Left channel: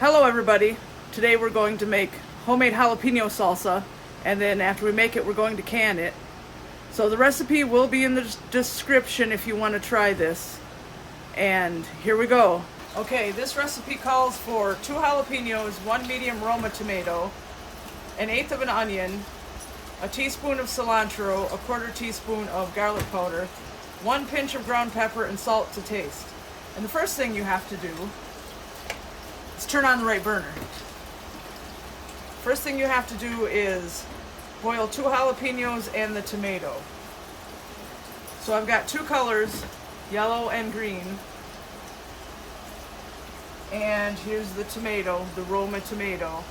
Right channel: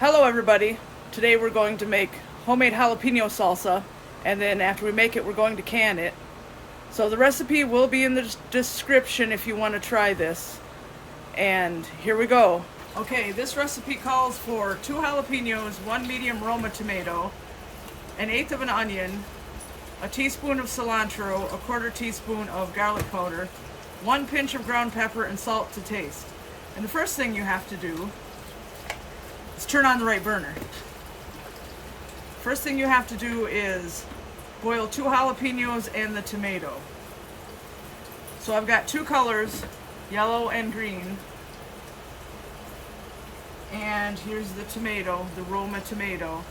Hello everybody. Today we're going to make homemade jalapeno salsa, and then after we make it we're going to can it. So the recipe will be in the description if you want to try this. And here we go. Okay, this recipe calls for 2 jalapenos, 1 medium Roma tomato, 1/8 of an onion, a teaspoon of cilantro, a 1/4 teaspoon of garlic powder, 1 pinch of ground pepper, and salt to taste. And the first thing you have to do is turn on the right burner. First thing you have to do is boil 2 jalapenos and the tomato. So I've got 2 colors, yellow and green. And here's the tomato, the Roma tomato.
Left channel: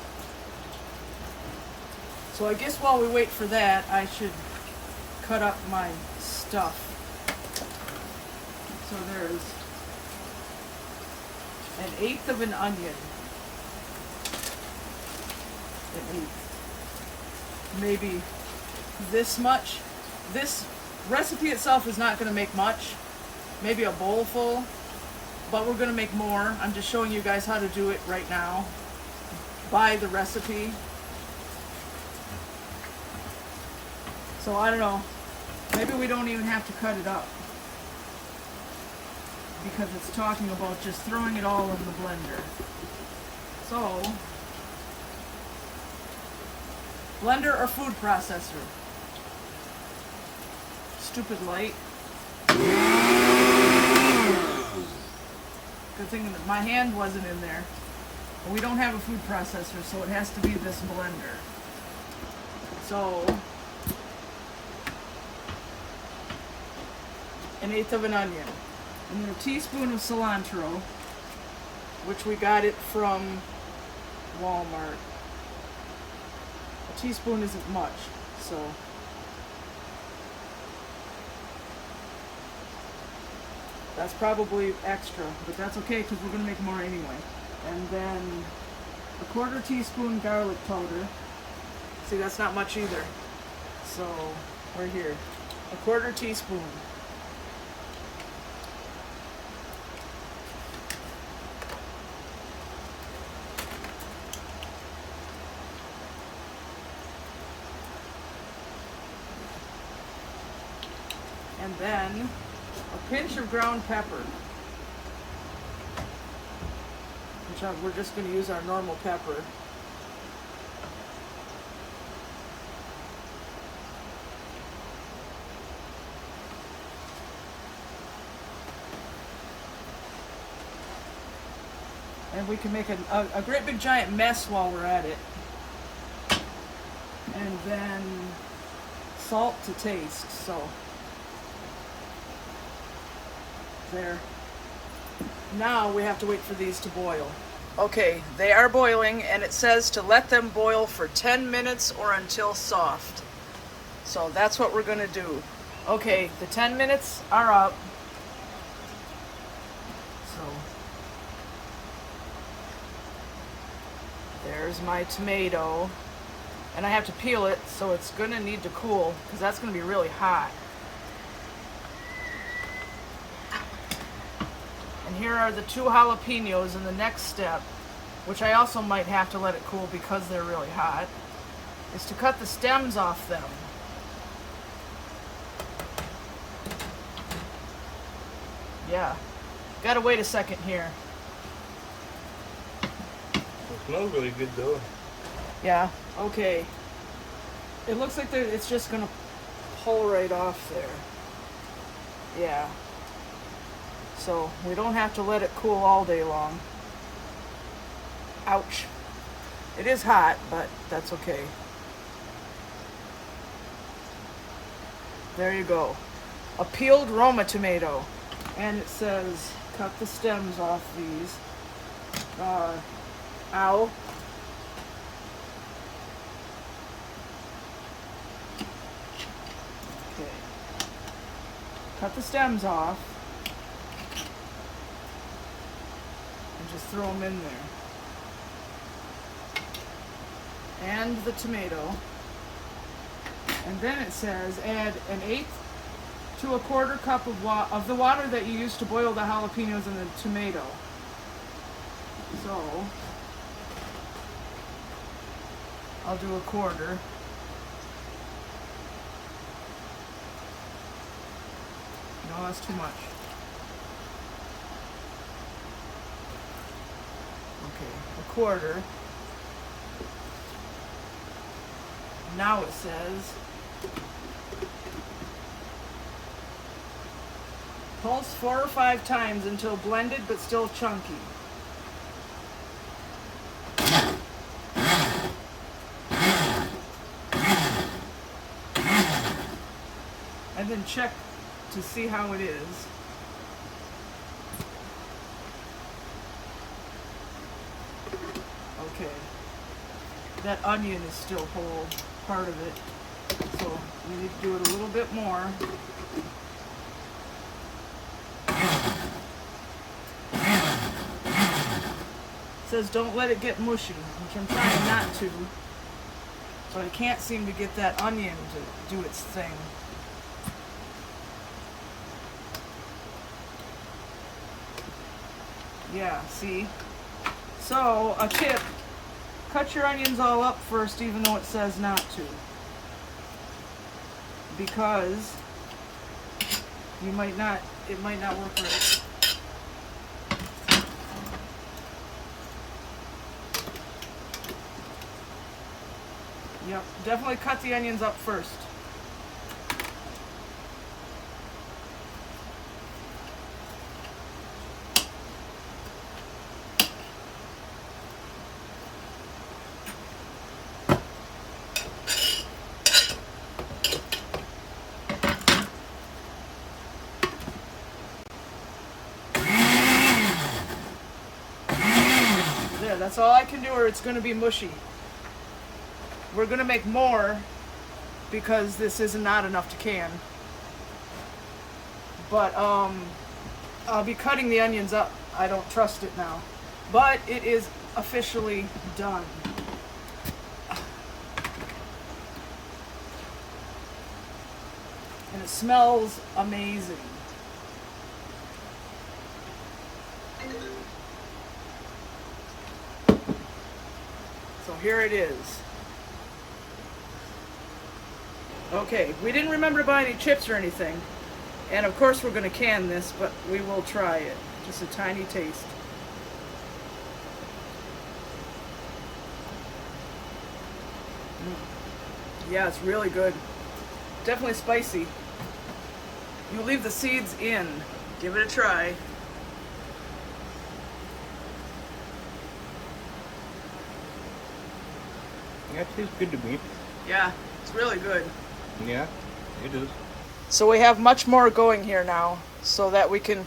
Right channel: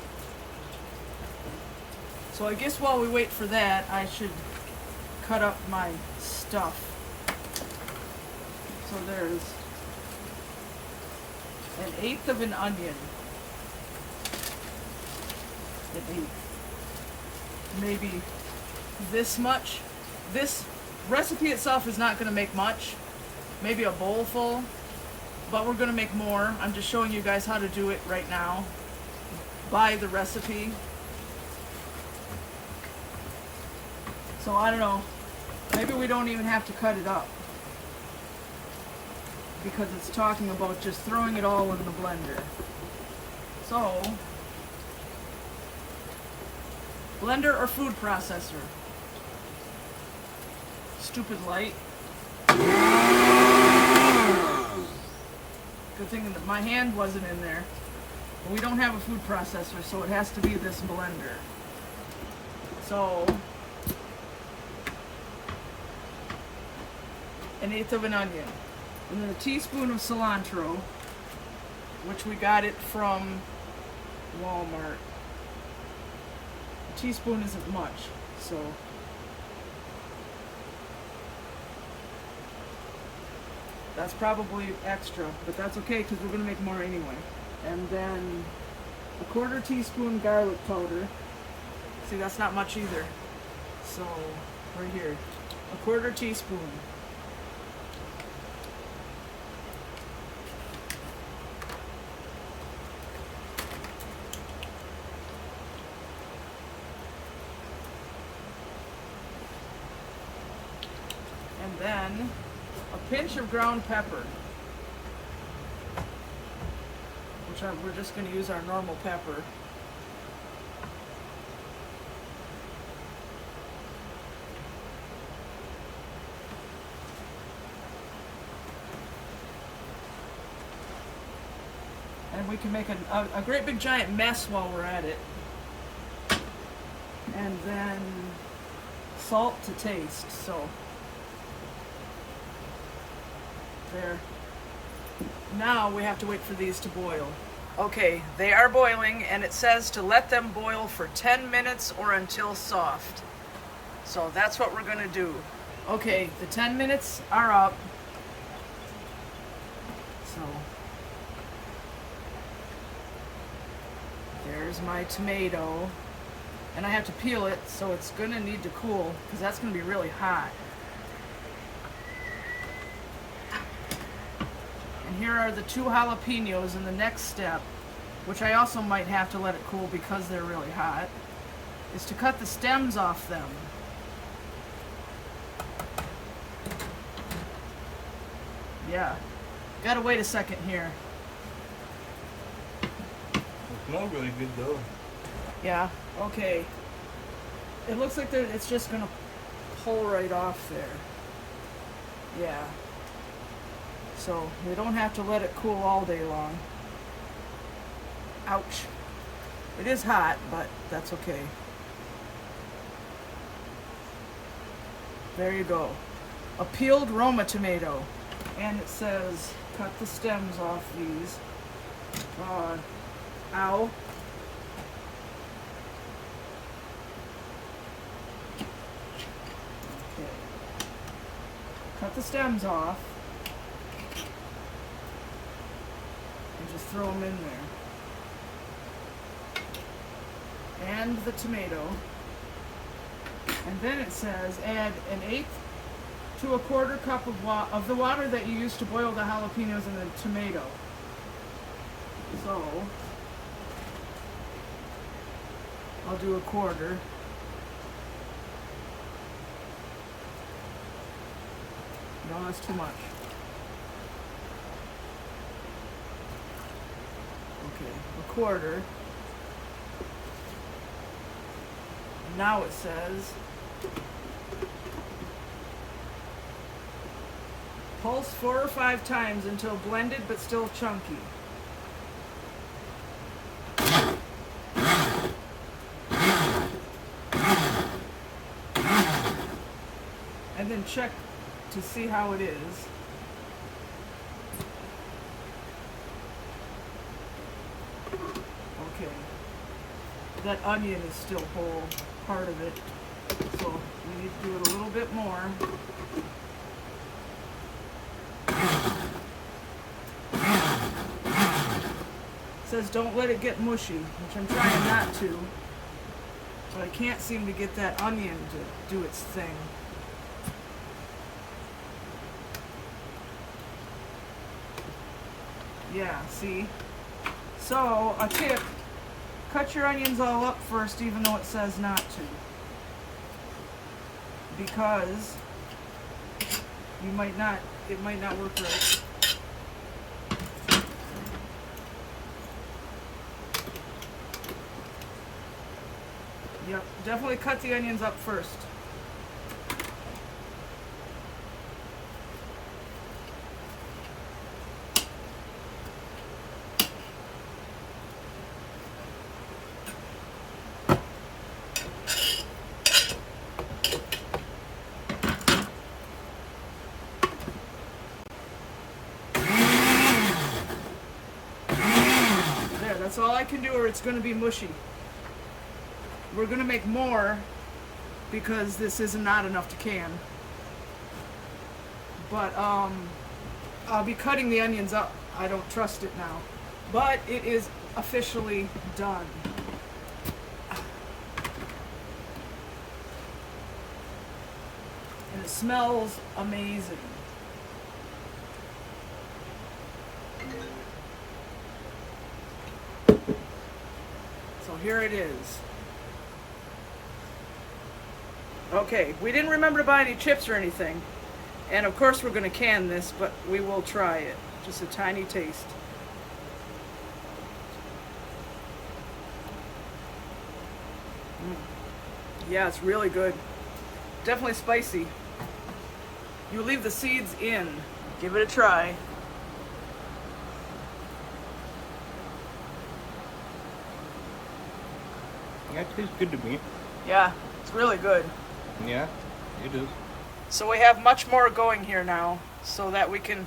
So I guess while we wait for that, I should cut up my stuff. So there's 1/8 of an onion. 1/8. Maybe this much. This recipe itself is not going to make much. Maybe a bowl full, but we're going to make more. I'm just showing you guys how to do it right now by the recipe. So I don't know. Maybe we don't even have to cut it up, because it's talking about just throwing it all in the blender. So, blender or food processor? Stupid light. Good thing that my hand wasn't in there. But we don't have a food processor, so it has to be this blender. So, 1/8 of an onion. And then a teaspoon of cilantro, which we got it from Walmart. A teaspoon isn't much, so that's probably extra, but that's okay because we're going to make more anyway. And then a 1/4 teaspoon garlic powder. See, that's not much either. So, right here, a 1/4 teaspoon. And then a pinch of ground pepper, which we're just going to use our normal pepper. And we can make a great big giant mess while we're at it. And then salt to taste. So there. Now we have to wait for these to boil. Okay, they are boiling, and it says to let them boil for 10 minutes or until soft. So that's what we're going to do. Okay, the 10 minutes are up. So there's my tomato. And I have to peel it, so it's going to need to cool, because that's going to be really hot. And here are the 2 jalapenos in the next step, which I also might have to let it cool because they're really hot, is to cut the stems off them. Yeah, gotta wait a second here. It smells really good though. Yeah, okay. It looks like it's just gonna pull right off there. Yeah. So we don't have to let it cool all day long. Ouch. It is hot, but that's okay. There you go. A peeled Roma tomato. And it says, cut the stems off these. Ow. Okay. Cut the stems off. And just throw them in there. And the tomato. And then it says add 1/8 to 1/4 cup of the water that you used to boil the jalapenos and the tomato. So I'll do a quarter. No, that's too much. Okay, a quarter. And now it says pulse 4 or 5 times until blended but still chunky. And then check to see how it is. Okay. That onion is still whole, part of it. So you need to do it a little bit more. It says don't let it get mushy, which I'm trying not to. But I can't seem to get that onion to do its thing. Yeah, see? So, a tip, cut your onions all up first even though it says not to. Because it might not work right. Yep, definitely cut the onions up first. There, that's all I can do or it's going to be mushy. We're going to make more because this is not enough to can. But I'll be cutting the onions up. I don't trust it now. But it is officially done. And it smells amazing. So here it is. Okay, we didn't remember to buy any chips or anything. And of course we're going to can this, but we will try it. Just a tiny taste. Yeah, it's really good. Definitely spicy. You leave the seeds in. Give it a try. Yeah, it tastes good to me. Yeah, it's really good. Yeah, it is. So we have much more going here now so that we can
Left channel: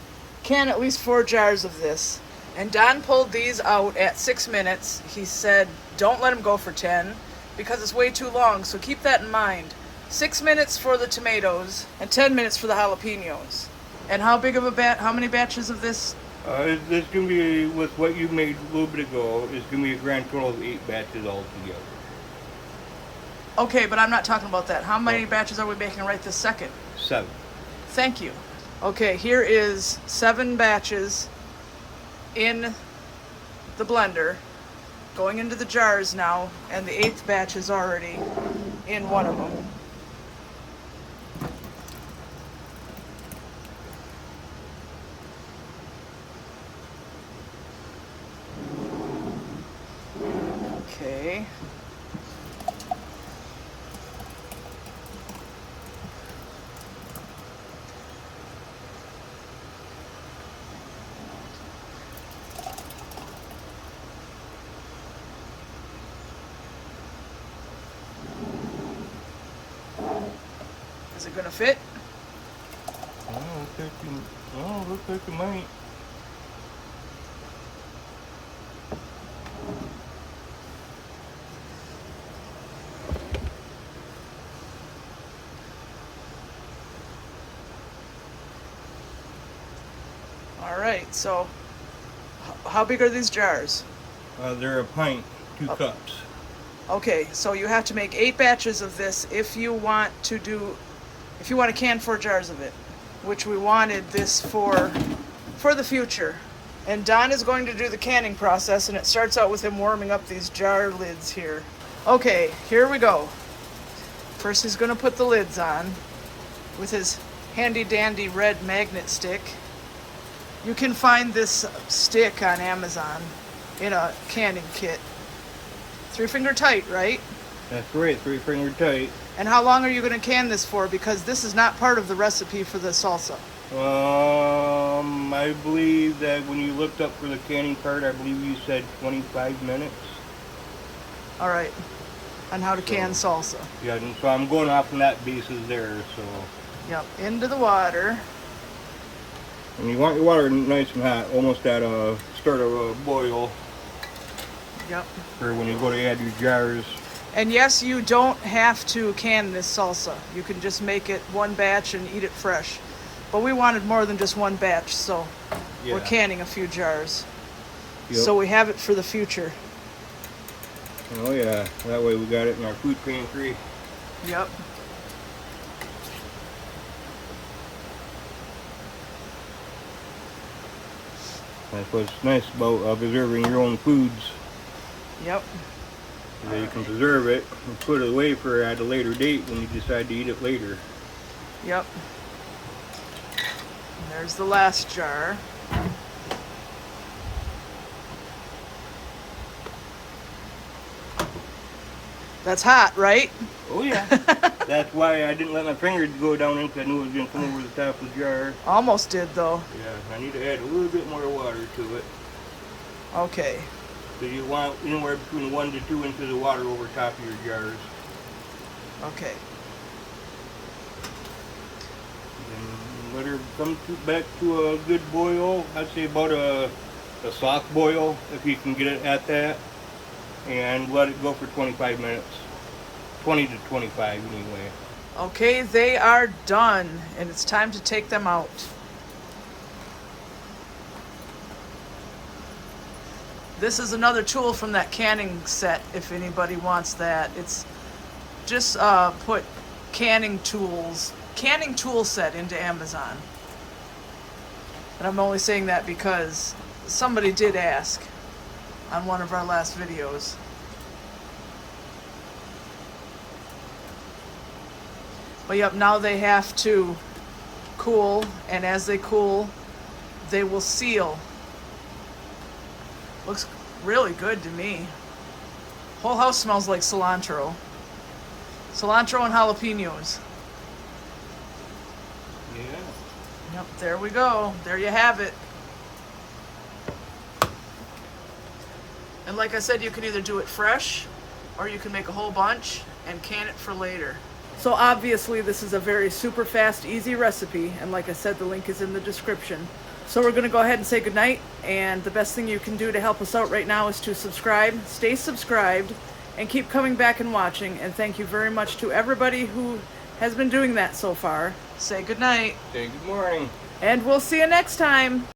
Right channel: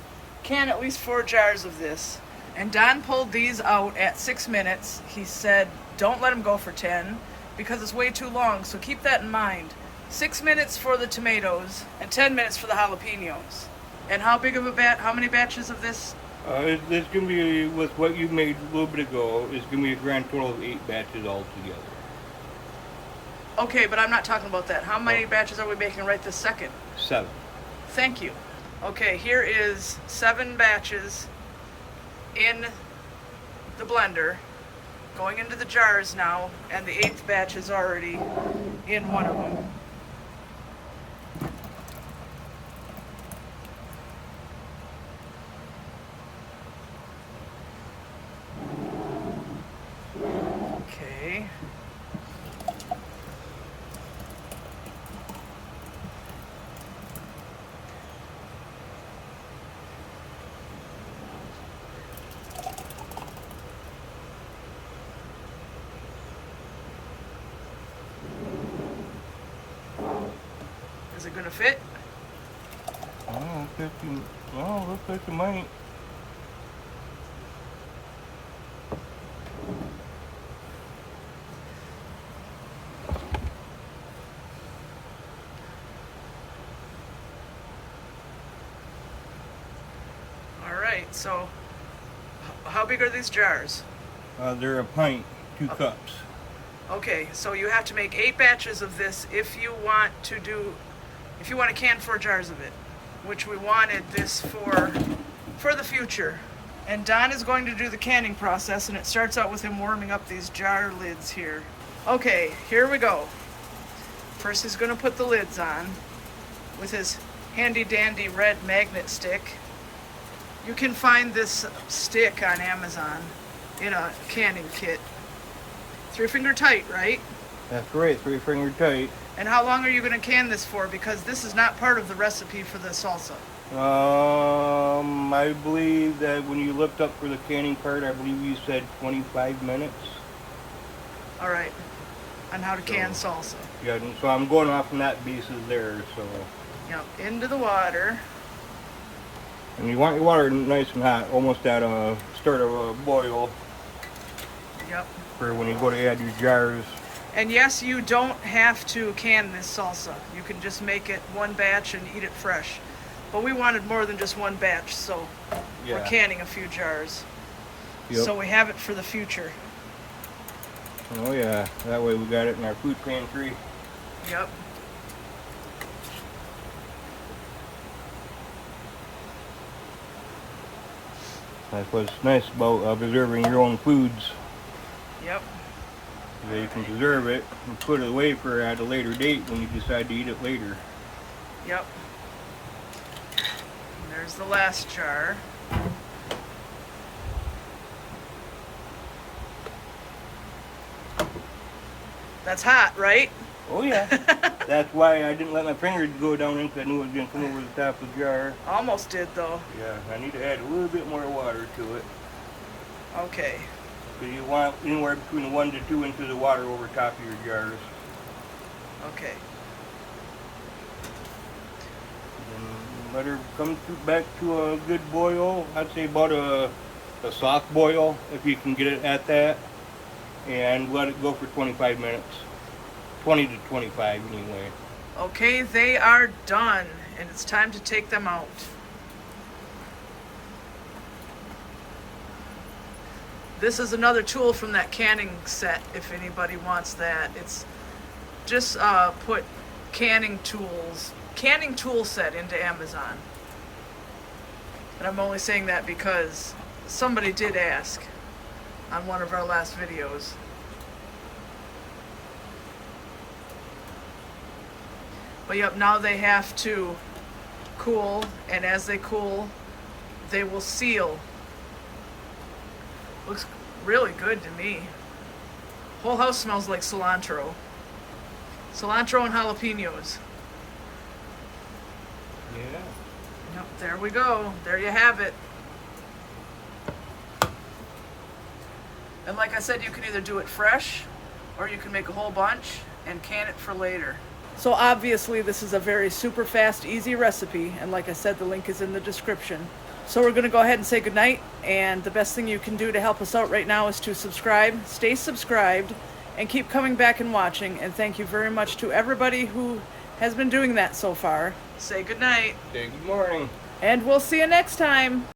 can at least 4 jars of this. And Don pulled these out at 6 minutes. He said, don't let them go for 10 because it's way too long. So keep that in mind. 6 minutes for the tomatoes and 10 minutes for the jalapenos. And how big of a how many batches of this? There's going to be, with what you made a little bit ago, it's going to be a grand total of 8 batches altogether. Okay, but I'm not talking about that. How many batches are we making right this second? 7. Thank you. Okay, here is 7 batches in the blender, going into the jars now, and the 8th batch is already in one of them. Okay. Is it gonna fit? Oh, looks like it might. All right, so how big are these jars? They're a pint, 2 cups. Okay, so you have to make 8 batches of this if you want to can 4 jars of it, which we wanted this for the future. And Don is going to do the canning process, and it starts out with him warming up these jar lids here. Okay, here we go. First he's gonna put the lids on with his handy dandy red magnet stick. You can find this stick on Amazon in a canning kit. 3-finger tight, right? That's right, 3-finger tight. And how long are you gonna can this for? Because this is not part of the recipe for the salsa. I believe that when you looked up for the canning part, I believe you said 25 minutes. All right, on how to can salsa. Yeah, and so I'm going off on that basis there, so. Yep, into the water. And you want your water nice and hot, almost at a start of a boil. Yep. For when you go to add your jars. And yes, you don't have to can this salsa. You can just make it one batch and eat it fresh. But we wanted more than just one batch, so we're canning a few jars. Yep. So we have it for the future. Oh yeah, that way we got it in our food pantry. Yep. That's what's nice about preserving your own foods. Yep. So you can preserve it and put it away for at a later date when you decide to eat it later. Yep. There's the last jar. That's hot, right? Oh yeah. That's why I didn't let my fingers go down in, because I knew it was going to come over the top of the jar. Almost did, though. Yeah, I need to add a little bit more water to it. Okay. So you want anywhere between 1 to 2 inches of water over top of your jars. Okay. And let her come back to a good boil. I'd say about a soft boil, if you can get it at that. And let it go for 25 minutes. 20 to 25 anyway. Okay, they are done, and it's time to take them out. This is another tool from that canning set, if anybody wants that. It's just put canning tool set into Amazon. And I'm only saying that because somebody did ask on one of our last videos. But yep, now they have to cool, and as they cool, they will seal. Looks really good to me. Whole house smells like cilantro. Cilantro and jalapenos. Yeah. Yep, there we go. There you have it. And like I said, you can either do it fresh, or you can make a whole bunch and can it for later. So obviously this is a very super fast, easy recipe, and like I said, the link is in the description. So we're going to go ahead and say goodnight, and the best thing you can do to help us out right now is to subscribe, stay subscribed, and keep coming back and watching. And thank you very much to everybody who has been doing that so far. Say goodnight. Say good morning. And we'll see you next time.